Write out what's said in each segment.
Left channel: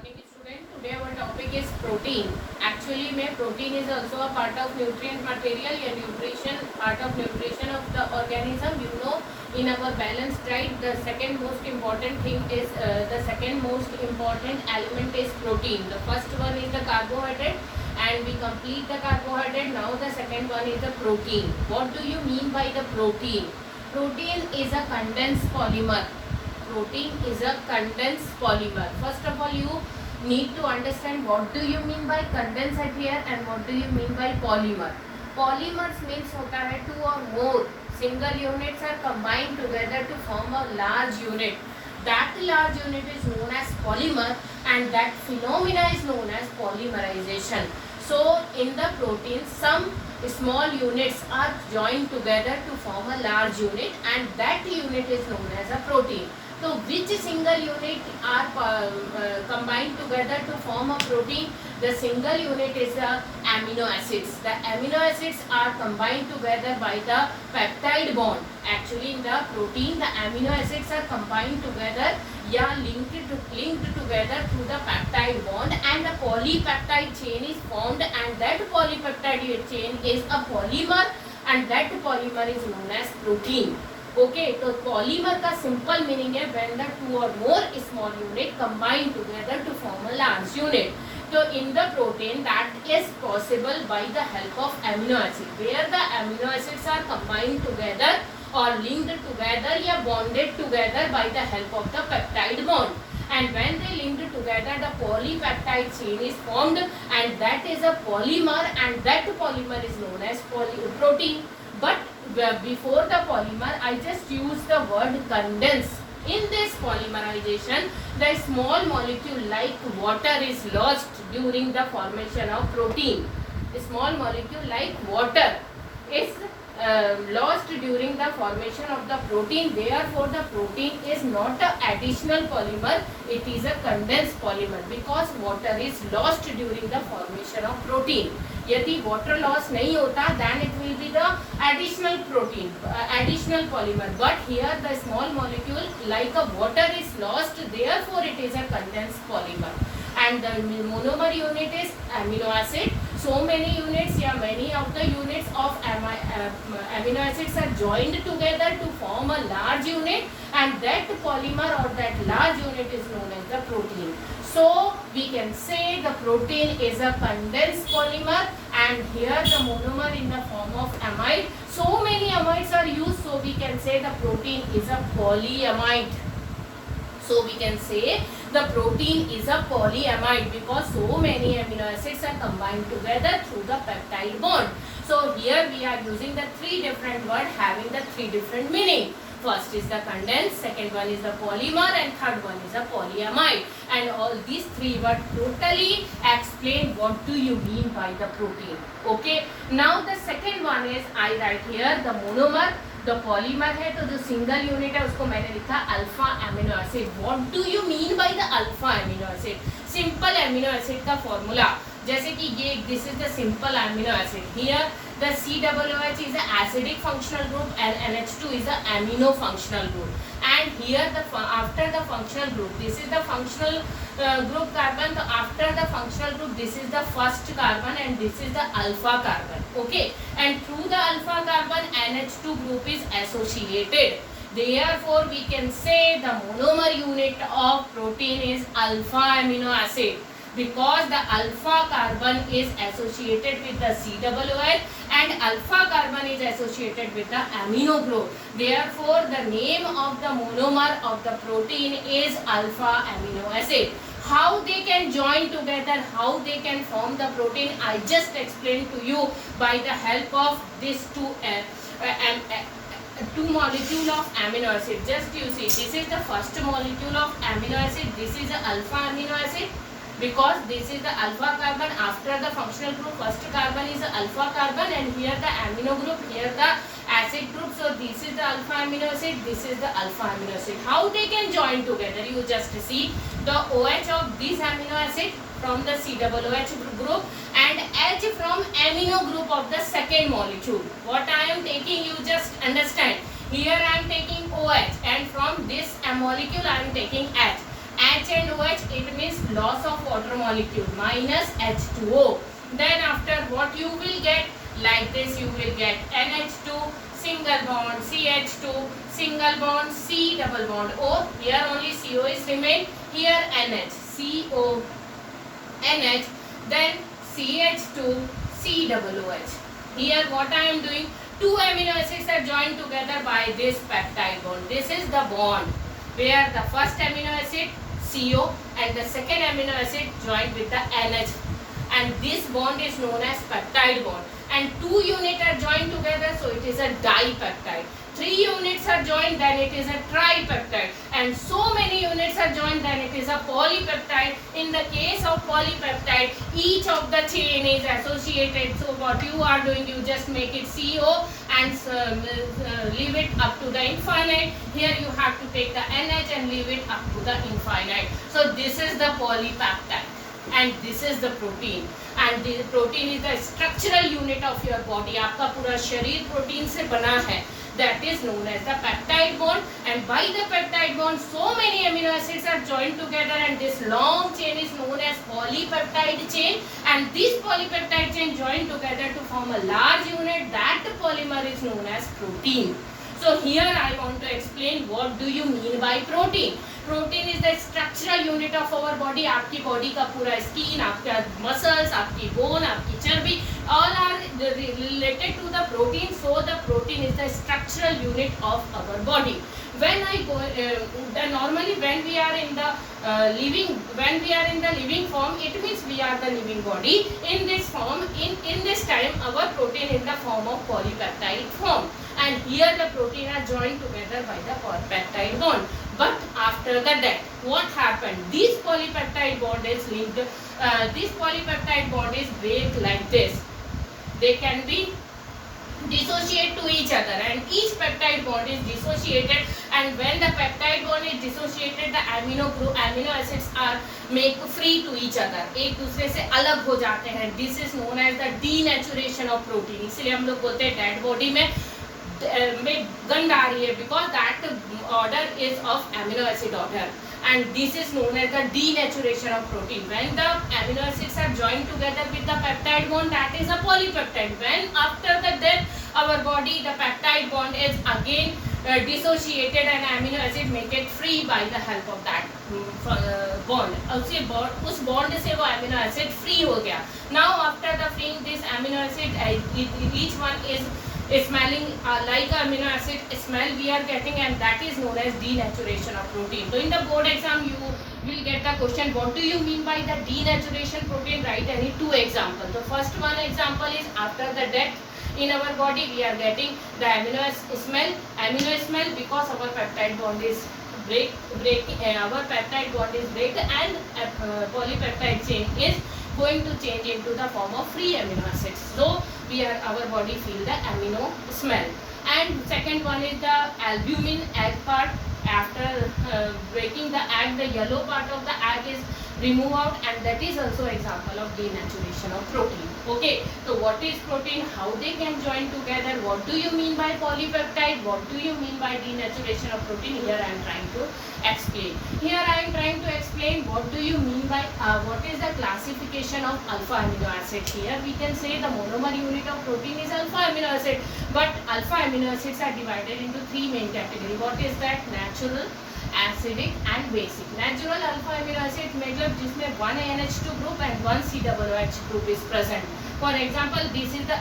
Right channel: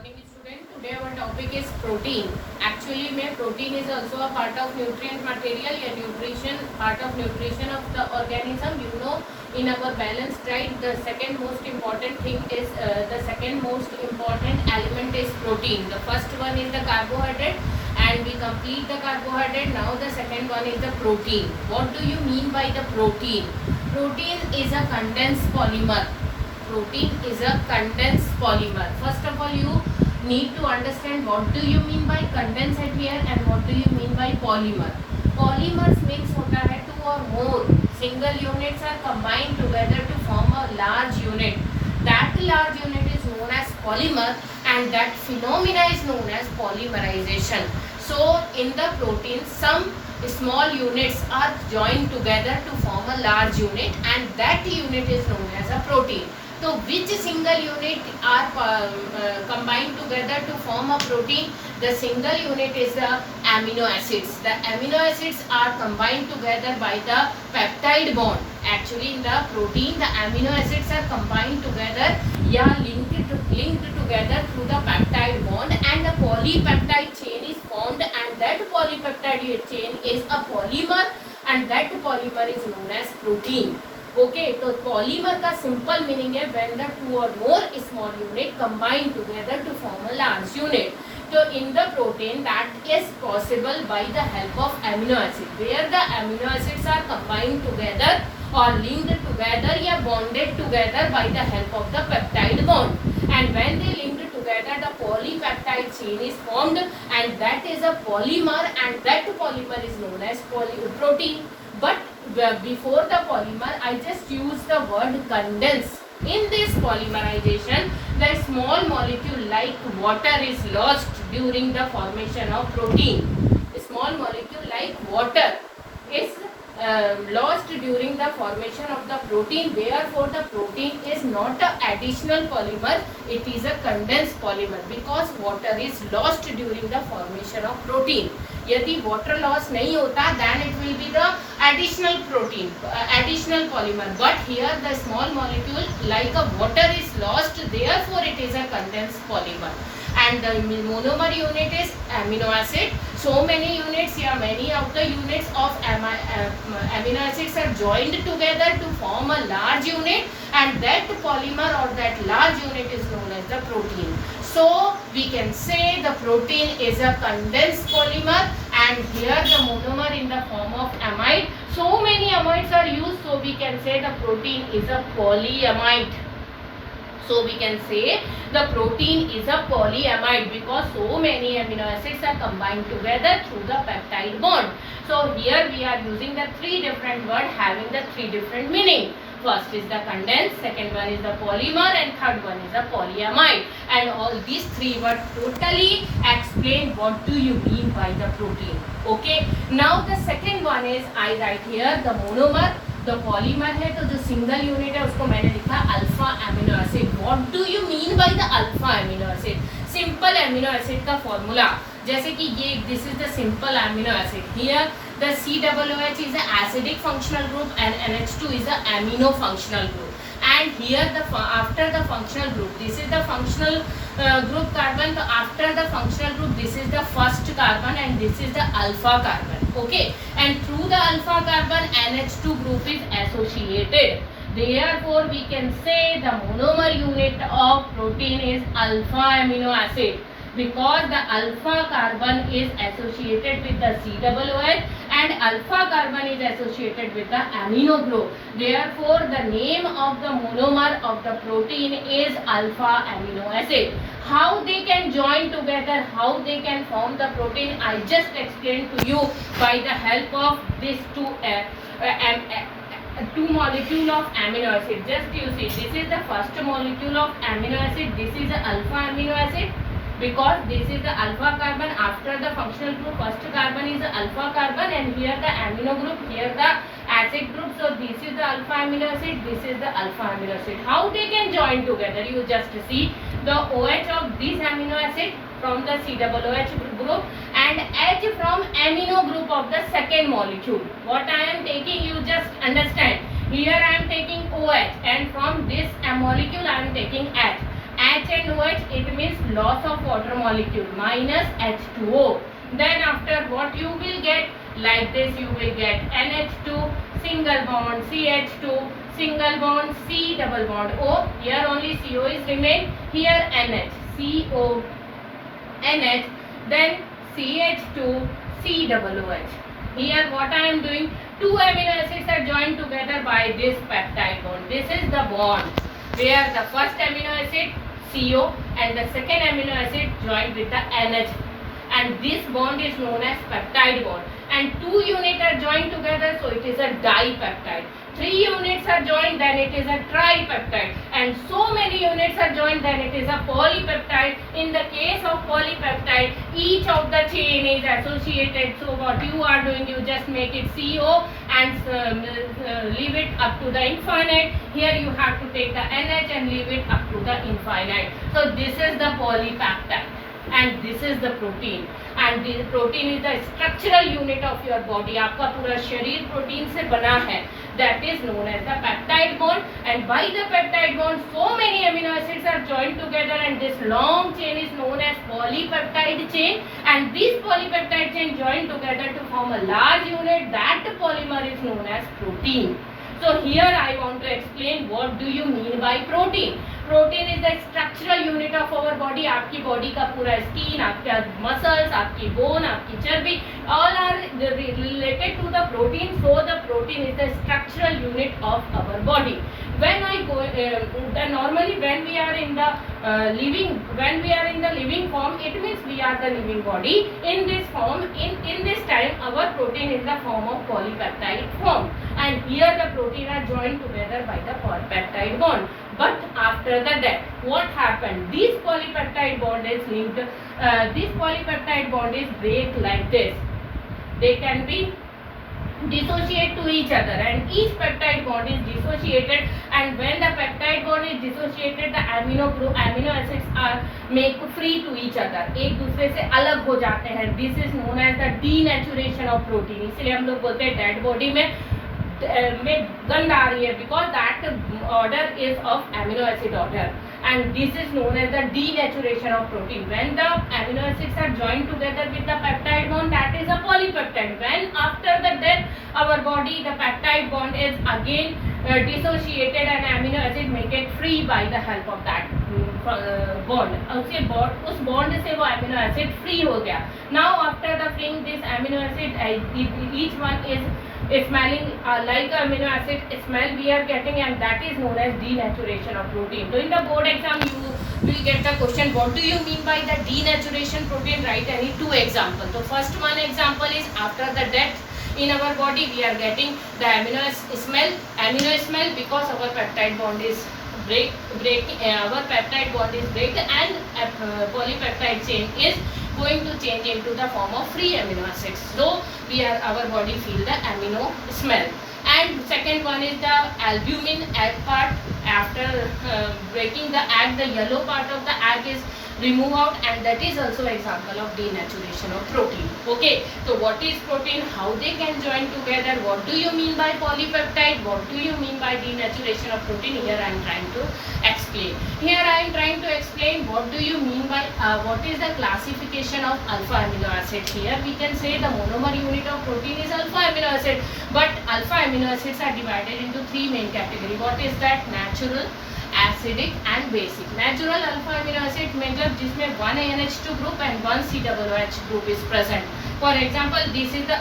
morning student. Today our topic is protein. Actually में protein is also a part of nutrient material या nutrition part of nutrition of the organism. You know, in our balanced diet the second most important thing is the second most important element is protein. The first one is the carbohydrate and we complete the carbohydrate. Now the second one is the protein. What do you mean by the protein? Protein is a condensed polymer. Protein is a condensed polymer. First of all, you need to understand what do you mean by condensate here and what do you mean by polymer. Polymers means होता है two or more single units are combined together to form a large unit. That large unit is known as polymer and that phenomena is known as polymerization. So in the protein, some small units are joined together to form a large unit and that unit is known as a protein. So which single unit are combined together to form a protein? The single unit is the amino acids. The amino acids are combined together by the peptide bond. Actually in the protein the amino acids are combined together linked together through the peptide bond and the polypeptide chain is formed and that polypeptide chain is a polymer and that polymer is known as protein. Okay, तो polymer का simple meaning है when the two or more small unit combine together to form a large unit. So in the protein that is possible by the help of amino acid, where the amino acids are combined together or linked together या bonded together by the help of the peptide bond. And when they linked together, the polypeptide chain is formed and that is a polymer and that polymer is known as protein. But before the polymer, I just use the word condense. In this polymerization, the small molecule like water is lost during the formation of protein. A small molecule like water is lost during the formation of the protein. Therefore, the protein is not an additional polymer, it is a condensed polymer because water is lost during the formation of protein. यदि water loss नहीं होता then it will be the additional protein, additional polymer. But here the small molecule like a water is lost, therefore it is a condensed polymer. And the monomer unit is amino acid. So many units many of the units of amino acids are joined together to form a large unit and that polymer or that large unit is known as the protein. So we can say the protein is a condensed polymer and here the monomer in the form of amide. So many amides are used, so we can say the protein is a polyamide. So we can say the protein is a polyamide because so many amino acids are combined together through the peptide bond. So here we are using the three different words having the three different meaning. First is the condensed, second one is the polymer and third one is the polyamide. And all these three words totally explain what do you mean by the protein. Okay. Now the second one is I write here the monomer. The polymer है तो जो single unit है उसको मैंने लिखा alpha amino acid. What do you mean by the alpha amino acid? Simple amino acid का formula जैसे कि ये this is the simple amino acid. Here the COOH is an acidic functional group and NH2 is an amino functional group. And here the after the functional group, this is the functional group carbon. So after the functional group, this is the first carbon and this is the alpha carbon. Okay, and through the alpha carbon, NH2 group is associated. Therefore, we can say the monomer unit of protein is alpha amino acid because the alpha carbon is associated with the COOH and alpha carbon is associated with the amino group. Therefore, the name of the monomer of the protein is alpha amino acid. How they can join together, how they can form the protein, I just explained to you by the help of these two molecule of amino acid. Just you see, this is the first molecule of amino acid, this is the alpha amino acid. Because this is the alpha carbon, after the functional group first carbon is the alpha carbon and here the amino group, here the acid group. So this is the alpha amino acid, this is the alpha amino acid. How they can join together? You just see the OH of this amino acid from the COOH group and H from amino group of the second molecule. What I am taking, you just understand. Here I am taking OH and from this molecule I am taking H. H and OH, it means loss of water molecule, minus H2O. Then after what you will get, like this you will get NH2, single bond, CH2, single bond, C double bond O. Here only CO is remain. Here NH, CO, NH, then CH2, C double OH. Here what I am doing, two amino acids are joined together by this peptide bond. This is the bond where the first amino acid CO and the second amino acid joined with the NH, and this bond is known as peptide bond. And two units are joined together, so it is a dipeptide. Three units are joined, then it is a tripeptide, and so many units are joined, then it is a polypeptide. In the case of polypeptide, each of the chain is associated. So what you are doing, you just make it CO and leave it up to the infinite. Here you have to take the NH and leave it up to the infinite. So this is the polypeptide and this is the protein. And the protein is the structural unit of your body. आपका पूरा शरीर protein से बना है. That is known as the peptide bond, and by the peptide bond so many amino acids are joined together, and this long chain is known as polypeptide chain, and this polypeptide chain joined together to form a large unit. That polymer is known as protein. So here I want to explain what do you mean by protein. Protein is the structural unit of our body. आपकी body का पूरा skin, आपका muscles, आपकी bone, आपकी चर्बी, all are related to the protein. So the protein is the structural unit of our body. When I go, normally when we are in the living form, it means we are the living body. In this form, in this time, our protein in the form of polypeptide form, and here the protein are joined together by the peptide bond. But after the death, what happened? This polypeptide bond is linked. This polypeptide bond is break like this. They can be dissociate to each other, and each peptide bond is dissociated, and when the peptide bond is dissociated, the amino acids are make free to each other, एक दूसरे से अलग हो जाते हैं. This is known as the denaturation of protein. इसलिए हम लोग बोलते हैं डेड बॉडी में गंध आ रही है, because that order is of amino acid order, and this is known as the denaturation of protein. When the amino acids are joined together with the peptide bond, that is a polypeptide. When after the death our body, the peptide bond is again dissociated, and amino acid make it free by the help of that bond. उस bond से वो amino acid free हो गया. Now after the freeing this amino acid, each one is smelling like amino acid smell we are getting, and that is known as denaturation of protein. So in the board exam you will get the question, what do you mean by the denaturation protein? Write any two examples. The first one example is after the death in our body we are getting the amino smell because our peptide bond is our peptide bond is break, and polypeptide chain is going to change into the form of free amino acids. So our body feel the amino smell. And second one is the albumin egg part. After breaking the egg, the yellow part of the egg is removed out, and that is also example of denaturation of protein. Okay, so what is protein, how they can join together, what do you mean by polypeptide, what do you mean by denaturation of protein? Here I am trying to explain. Here I am trying to explain what do you mean by what is the classification of alpha amino acid. Here we can say the monomer unit of protein is alpha amino acid, but alpha amino acids are divided into three main categories. What is that? Natural, acidic and basic. Natural alpha amino acid मतलब जिसमें one NH2 group and one COOH group is present. For example, this is the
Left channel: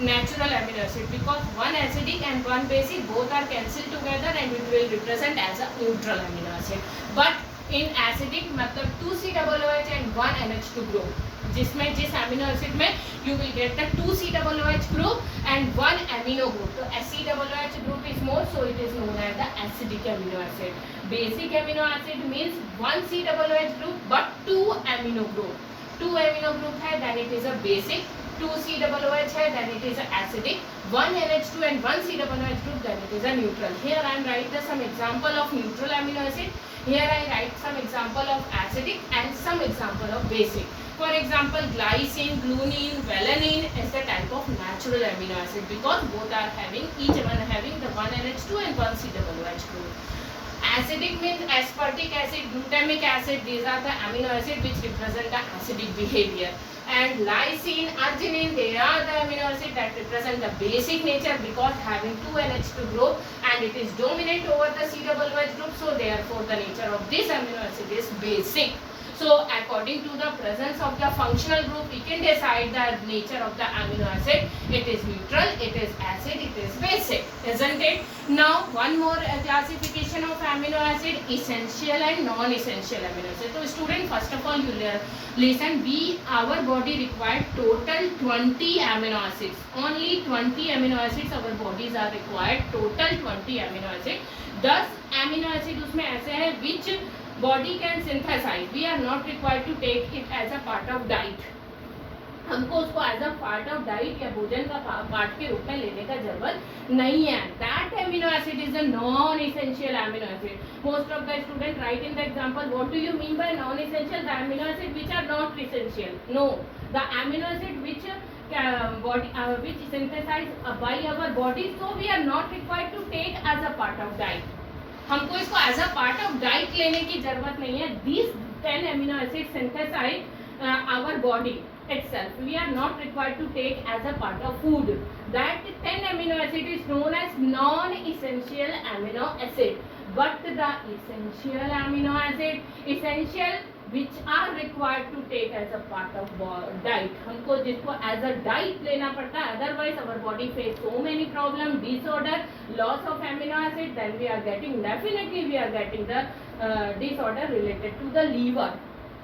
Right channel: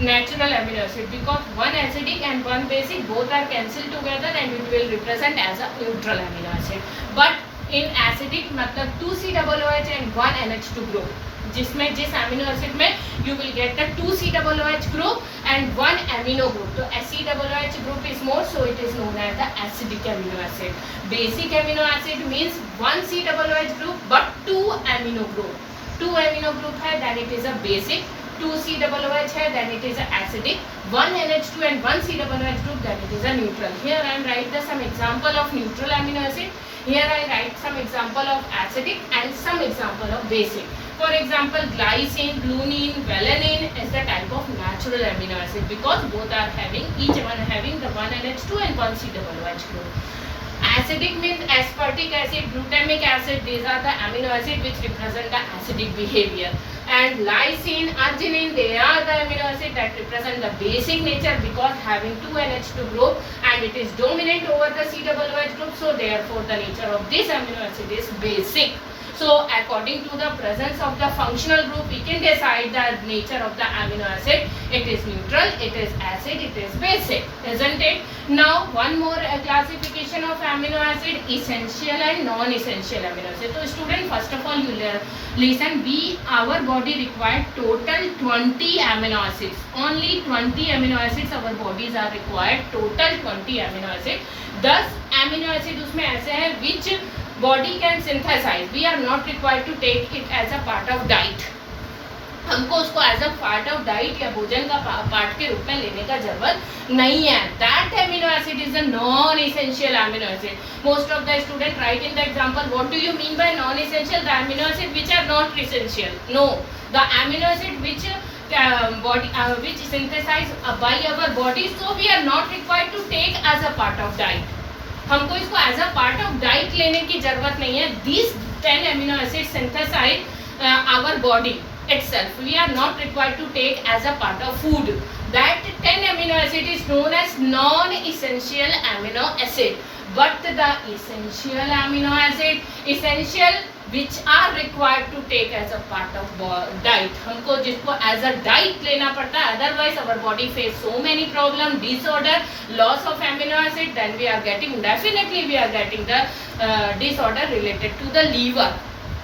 natural amino acid, because one acidic and one basic both are cancelled together and it will represent as a neutral amino acid. But in acidic मतलब 2 COOH and one NH2 group, जिसमें जिस amino acid में you will get the 2 COOH group and one amino group. So COOH group is more, so it is known as the acidic amino acid. Basic amino acid means one COOH group but two amino group. Two amino group है, then it is a basic. 2 COOH है, then it is a acidic. One NH2 and one COOH group, then it is a neutral. Here I am write some example of neutral amino acid. Here I write some example of acidic and some example of basic. For example, glycine, glutamine, valine is the type of natural amino acid, because both are having, each one having the one NH2 and one COOH group. Acidic means aspartic acid, glutamic acid. These are the amino acid which represent the acidic behavior. And lysine, arginine, they are the amino acid that represent the basic nature because having two NH2 group and it is dominant over the COOH group. So therefore the nature of this amino acid is basic. So according to the presence of the functional group, we can decide the nature of the amino acid. It is neutral, it is acid, it is basic, isn't it? Now one more classification of amino acid, essential and non-essential amino acid. So student, first of all you listen, our body required total 20 amino acids. Only 20 amino acids our bodies are required, total 20 amino acids. 10 amino acids उसमें ऐसे हैं which body can synthesize. We are not required to take it as a part of diet. हमको उसको as a part of diet या भोजन का part के रूप में लेने का जरूरत नहीं है. That amino acid is a non essential amino acid. Most of the student write in the example what do you mean by non essential? The amino acid which are not essential. No, the amino acid which body which synthesized by our body, so we are not required to take as a part of diet. हमको इसको as a part of diet लेने की जरूरत नहीं है. These 10 amino acids synthesize our body itself. We are not required to take as a part of food. That 10 amino acid is known as non-essential amino acid. But the essential amino acid, essential which are required to take as a part of diet, हमको जिसको as a diet लेना पड़ता है. Otherwise our body face so many problem, disorder, loss of amino acid, then we are getting, definitely we are getting the disorder related to the liver.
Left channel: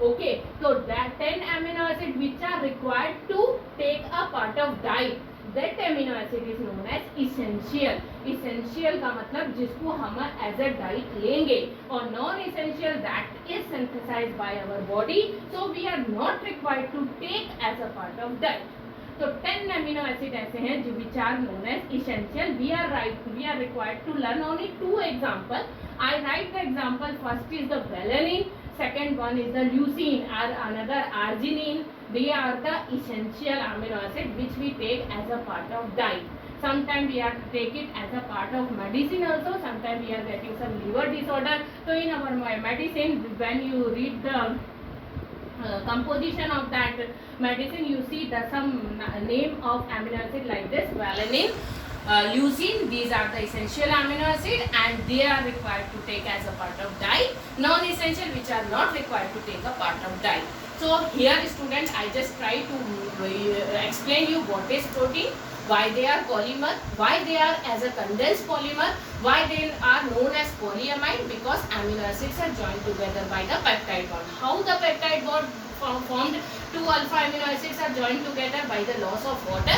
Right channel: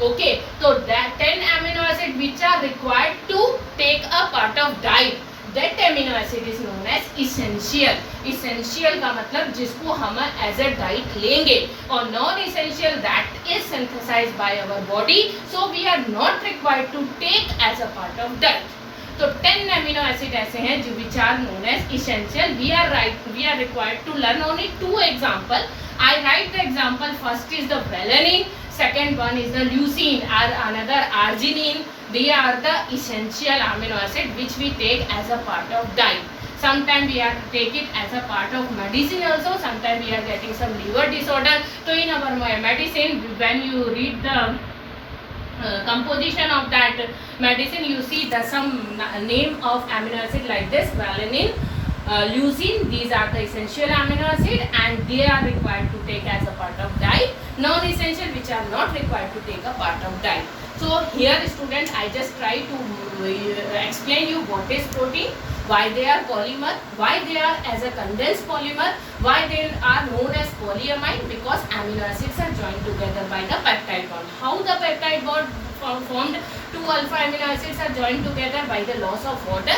Okay, so that 10 amino acid which are required to take a part of diet, that amino acid is known as essential. Essential का मतलब जिसको हम as a diet लेंगे. और non essential that is synthesized by our body, so we are not required to take as a part of diet. तो 10 amino acid ऐसे हैं जो which are known as essential. We are required to learn only 2 example. I write the example. First is the valine, second one is the leucine or another arginine. They are the essential amino acid which we take as a part of diet. Sometimes we have to take it as a part of medicine also. Sometimes we are getting some liver disorder. So in our medicine, when you read the composition of that medicine, you see the some name of amino acid like this: valine, leucine. These are the essential amino acid and they are required to take as a part of diet. Non-essential which are not required to take a part of diet. So here student, I just try to explain you what is protein, why they are polymer, why they are as a condensed polymer, why they are known as polyamide, because amino acids are joined together by the peptide bond. How the peptide bond formed? 2 alpha amino acids are joined together by the loss of water,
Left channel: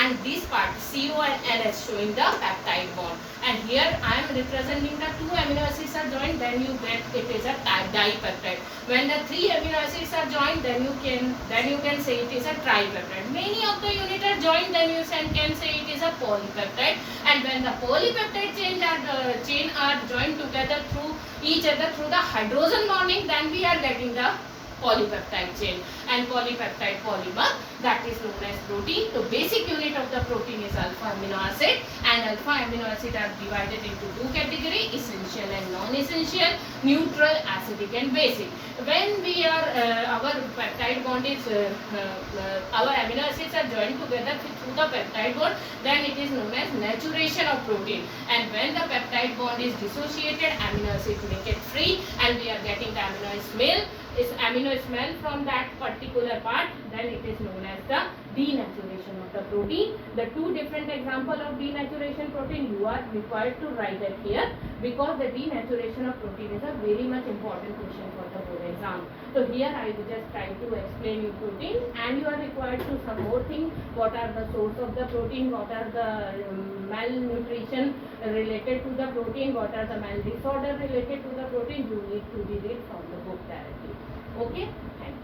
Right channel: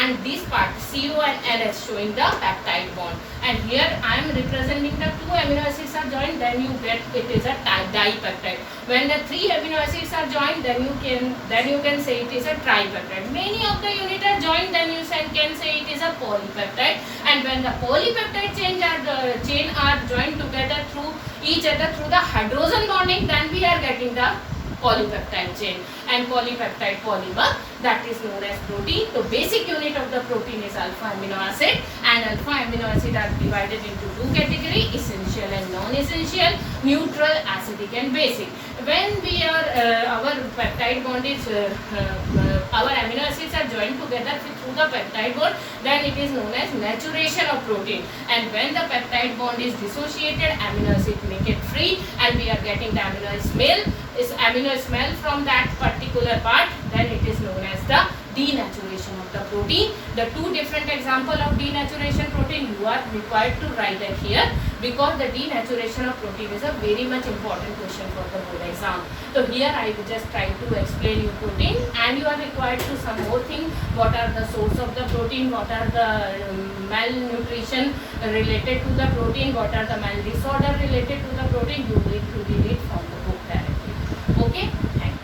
and this part CO and NH showing the peptide bond. And here I am representing the 2 amino acids are joined, then you get it is a dipeptide. When the 3 amino acids are joined, then you can say it is a tripeptide. Many of the unit are joined, then you can say it is a polypeptide. And when the polypeptide chain are joined together through each other through the hydrogen bonding, then we are getting the polypeptide chain and polypeptide polymer, that is known as protein. So basic unit of the protein is alpha amino acid, and alpha amino acid are divided into 2 categories: essential and non-essential, neutral, acidic and basic. When we are our peptide bond is our amino acids are joined together through the peptide bond, then it is known as naturation of protein. And when the peptide bond is dissociated, amino acid make it free and we are getting the amino smell from that particular part, then it is known as the denaturation of the protein. The 2 different example of denaturation protein you are required to write it here, because the denaturation of protein is a very much important question for the board exam. So here I will just try to explain you protein, and you are required to some more thing: what are the source of the protein, what are the malnutrition related to the protein, what are the mal disorder related to the protein. You need to read it from the book directly. Okay, thank you.